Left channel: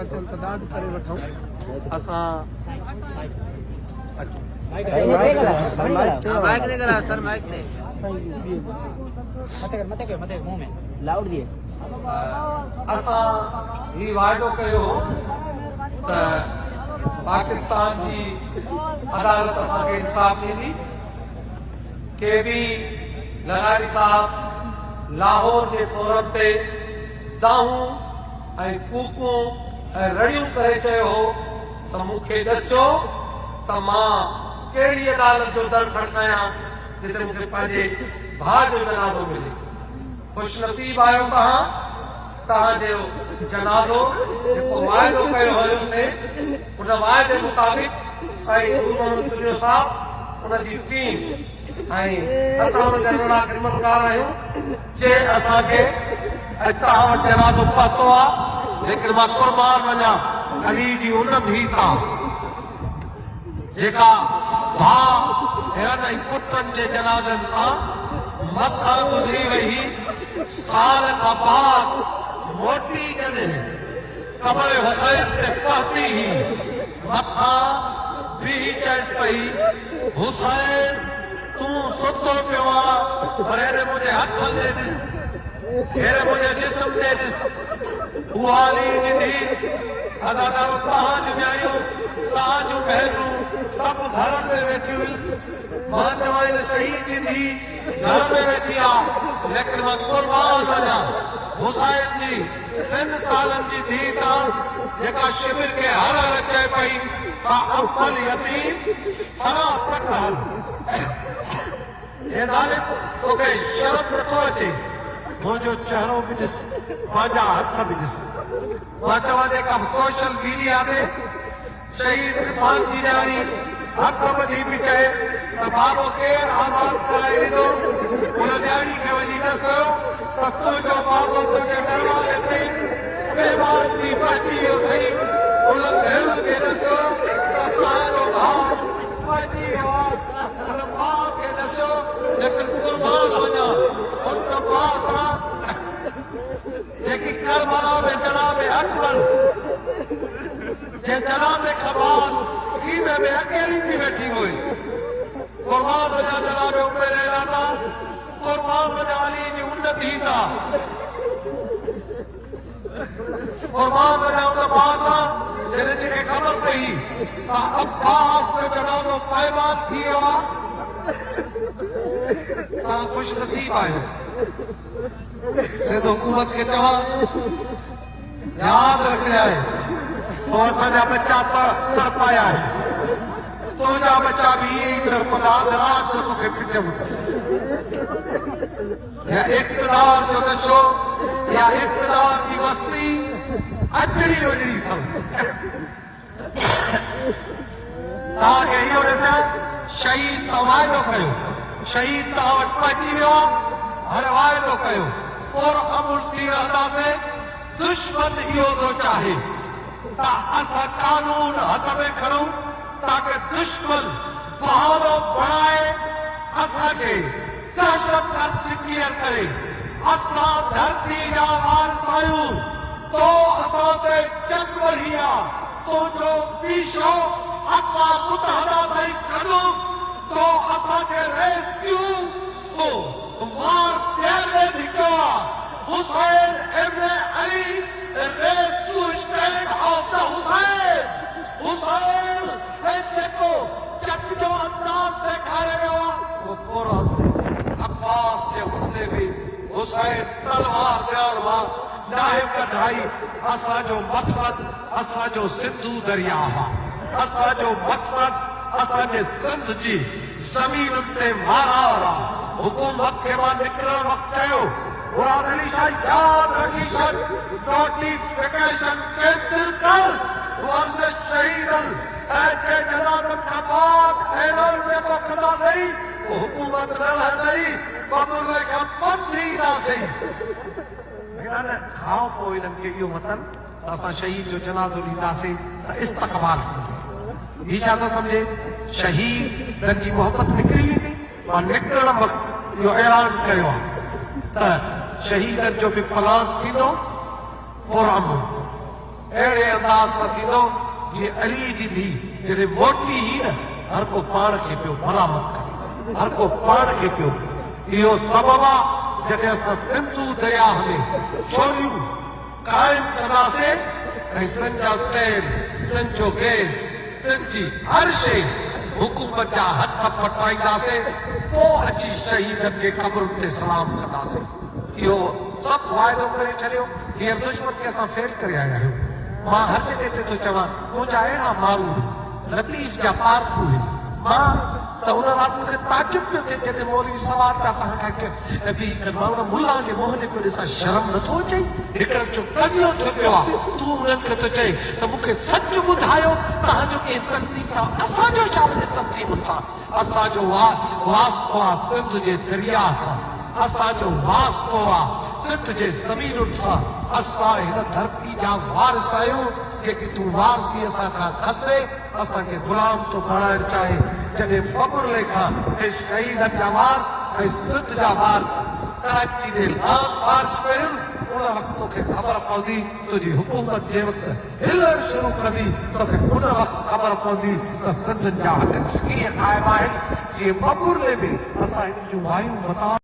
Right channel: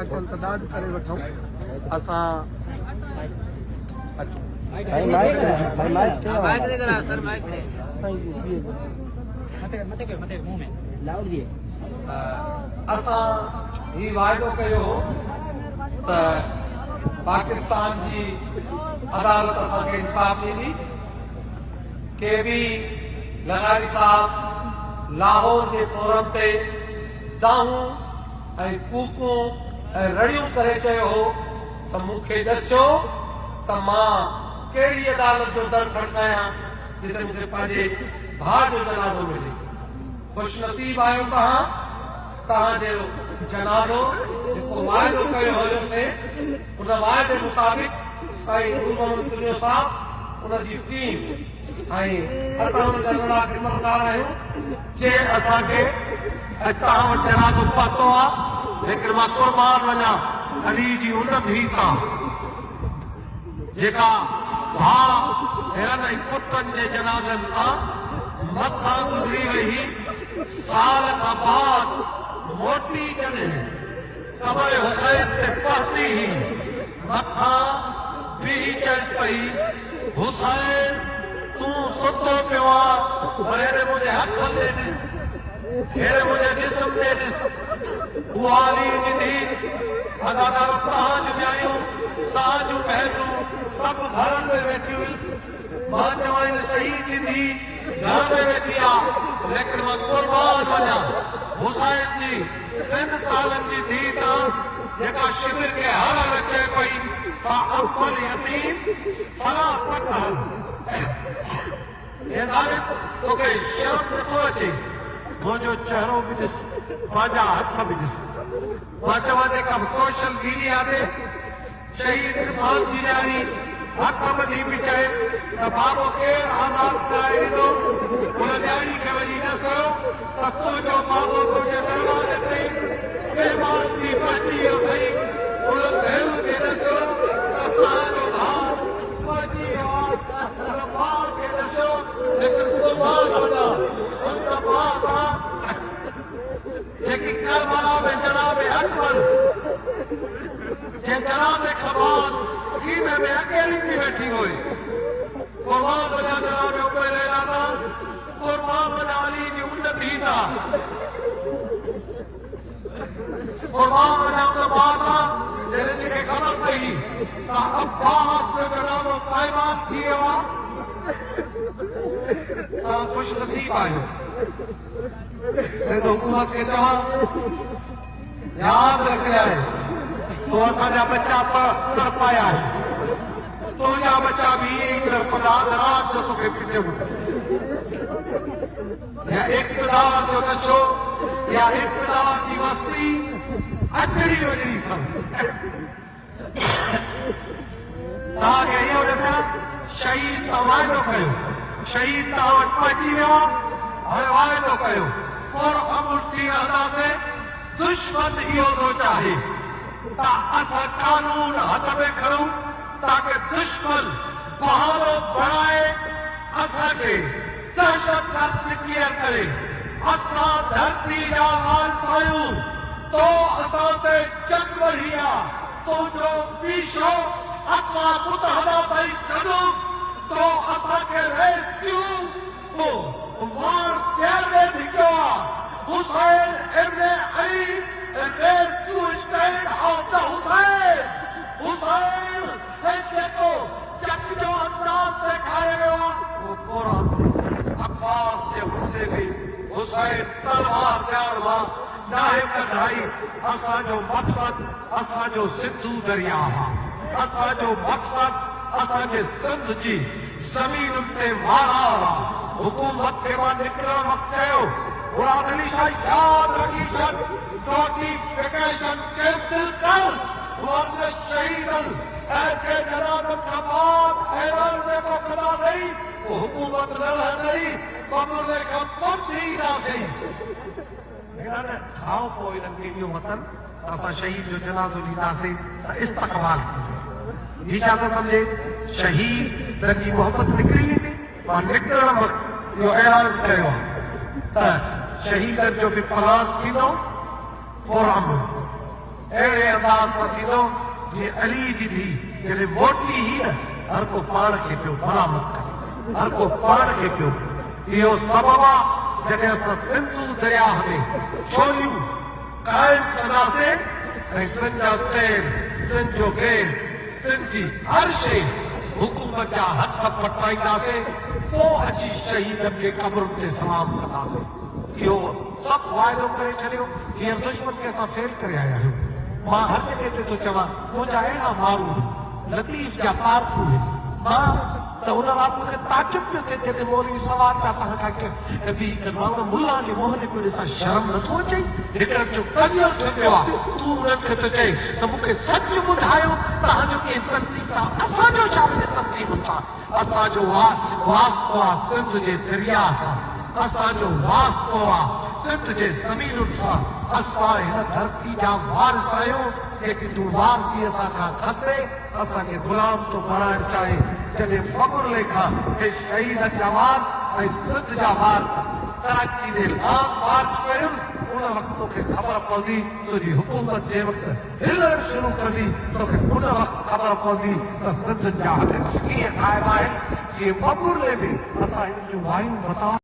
था चल तदाद करे वठूं असां असां ही वाइदो कयो हो त पाकिस्तान जी अदालत असांखे इंसाफ़ ॾींदी के भी लगारी साहब लाहौर के फोरम ते दाहूं ऐं कूकूं ऐं रड़ियूं करे चयो हो त मूंखे ॾसियो त मां कहिड़ी अदालत जो दर खड़कायां जिते मूंखे पंहिंजे भाउ जो जनाज़ो मिले। ख़ुशनसीब आहियो तव्हांजो जनाज़ो जेको वाइदो कयो हुयोसीं उन वाइदे मुताबिक़ साईं नूर मोहम्मद तुलियो साहब उनजी टीम ऐं असां हुनजा वॾा ख़िदमतकार आहियूं जे असांखे तव्हां वटि वाइदो पहुतो आहे लेकिन मां क़ुर्बान वञा अली जी उन धीउ तां जेका भाउ भेण ऐं पुटनि जे जनाज़नि खां मथां गुज़री वई साल खां बाद मोटी करे कमरे हुसैन ते पहुती मथां बीह चइसि पई हुसैन तूं सुठो पियो आहे पर हेॾे मुंहिंजे हथ ते ॾिस हेॾे मुंहिंजे जिस्म ते ॾिस उहा अदालत तव्हांजूं न्याणियूं तव्हांजूं भेनरूं सभु घर में वेठी हुई मां चवां शहीद जी धीउ घर में वेठी आहे लेकिन मां क़ुर्बान वञा हुसैन जी 3 सालनि जी धीउ तव्हां जेका शिविर खे हर हर चए पई अकबर यतीम फला तकहल हे ज़ालिम तोखे शर्म नथो अचे मुंहिंजो चहिरो बि ॾिस मुंहिंजा हथ बि ॾिस मां चवां जेका सोशल मीडिया ते शहीद इरफान जी ॾाढी हथ ॿधी पई चए त बाबो केरु आज़ाद कराए ॾींदो हुन ॾाढी खे वञी ॾिसो त तुंहिंजो बाबो तुंहिंजे दरवाज़े ते महिमान थी पहुची वियो अथई हुन भेणुनि खे ॾिसो त तव्हांजो भाउ पहुची वियो आहे हुन भाउ खे ॾिसो लेकिन क़ुर्बान वञा हुन भाउ जेकी करबला में जनाब अकबर जे जनाज़े खां बाद खीमे में अकेली थी वेठी हुई क़ुर्बान वञा जनाब पहले लाता क़ुर्बान वञा अली जी उन धीउ तां क़ुर्बान वञा उन भाउ तां जंहिंखे ख़बर पई त अब्बास जो जनाज़ो पाइबान थी वियो आहे तव्हां ख़ुशनसीब आहियो हुकूमत खे चवां यादि रखिया आहे तो असांजा बच्चा तड़पाया आहिनि तुंहिंजा बच्चा बि ईअं ई तोखे पिछे या इक़्तिदार जो नशो या इक़्तिदार जी मस्ती अचड़ी वञणी पए तव्हांखे इहा ॾिसां शहीद सां वाइदो कयो शहीद तव्हां वटि पहुची वियो हर वाइदो कयो पुरअमन थी रहंदासीं दुश्मन इहो थो चाहे त असां कानून हथ में खणूं ताकि दुश्मन बहारो बणाए असांखे दहशतगर्द कीअं करे असां धरती जा वारिस आहियूं तो असां ते जंग वही आहे तुंहिंजो पीछो अक़वाम मुतहदा ताईं कढूं तो असांखे रेस्क्यू वार शहर में भिजो आहे Hussain ibn Ali rescue stand of the Hussain है जेको जंग जो अंदाज़ सेखारियो वो पूरा अब्बास जे हूंदे बि हुसैन तलवार ॾियण वांग नाहे कढाई असांजो मक़सद असांजो सिंधू दरिया आहे असांजो मक़सद असांजे सिंध जी ज़मीनुनि ते मालार आहे हुकूमत खे मां निकिरण वक़्तु चयो मुराद अली साईं यादि रखी छॾ नोटिफिकेशन कैंसिल कर मुहम्मद शहीदनि ऐं जे जनाज़नि खां बाद ऐलान जेको कंदासीं हुकूमत न रहंदी बबुल खां पंध ईंदासीं खाओ पोइ इन्हनि खे इहो वतन असां शहीद जो जनाज़ो ॾींदासीं त इस्तक़बाल हीअ छा थो सम्झे शहीद जी मोहबत निकिरी वेंदी मां निकिरण वक़्तु इहो ऐलान कयो आहे त शहीदनि जो बि पलान थींदो पुरअमन अहिड़े अंदाज़ सां थींदो जीअं अली जी धीउ जॾहिं मोटी ई न हर को पाण खे पियो बराबरि करे, हर को पाण खे पियो। इहो सबबु आहे जॾहिं असां सिंधू दरिया में छोलियूं क़ाइमु कंदासीं ऐं सिंध जा तेल, सिंध जो गैस, सिंध जी हर शइ हुकूमत जा हथ पटाईंदासीं, पोइ अची शहीदनि जे क़बरुनि ते सलाम कंदासीं। इहो सभु वाइदो करे छॾियो। हीअ दुश्मन खे असां फेल करे आया आहियूं। मां हथ ते थो चवां, मुंहिंजा अहिड़ा माण्हू लतीफ़ जा पाप हुए, मां त हुन वक़्तु मूंखे ताजुब पियो थिए जॾहिं मौलवी सवाल था कनि मुला जे मोहने पियो ॾिसां, शर्म नथो अचे? हिकिड़ो पियो तज़ियो थियो पियो आहे, तूं उन्हनि खे थो चए त मूंखे सच ॿुधायो त हिन खे तनज़ीम सां असांजो छा तनज़ीम सां असांजो वास्तो आहे सिंध जे दरिया सां, असांजो वास्तो आहे सिंध जे ज़मीनुनि सां। असां हिन धरती जा वारिस आहियूं जेकी तूं वारसी असां खां खसे, असांखे गुलाम थो बणाइणु चाहे। जॾहिं बबुर लेखा शहीद जा वारिस ऐं सिंध जा वारिस कराची जे लाम मार्च कयूं, उन वक़्तु तोखे ख़बर पवंदी तुंहिंजी हुकूमत जे वक़्तु हिलण शुरू कंदी, तोखे उन वक़्तु ख़बर पवंदी त सिंध जा हक़ कीअं क़ाइमु आहिनि। जीअं बबुर में बि असां हिन जूं मायूं बता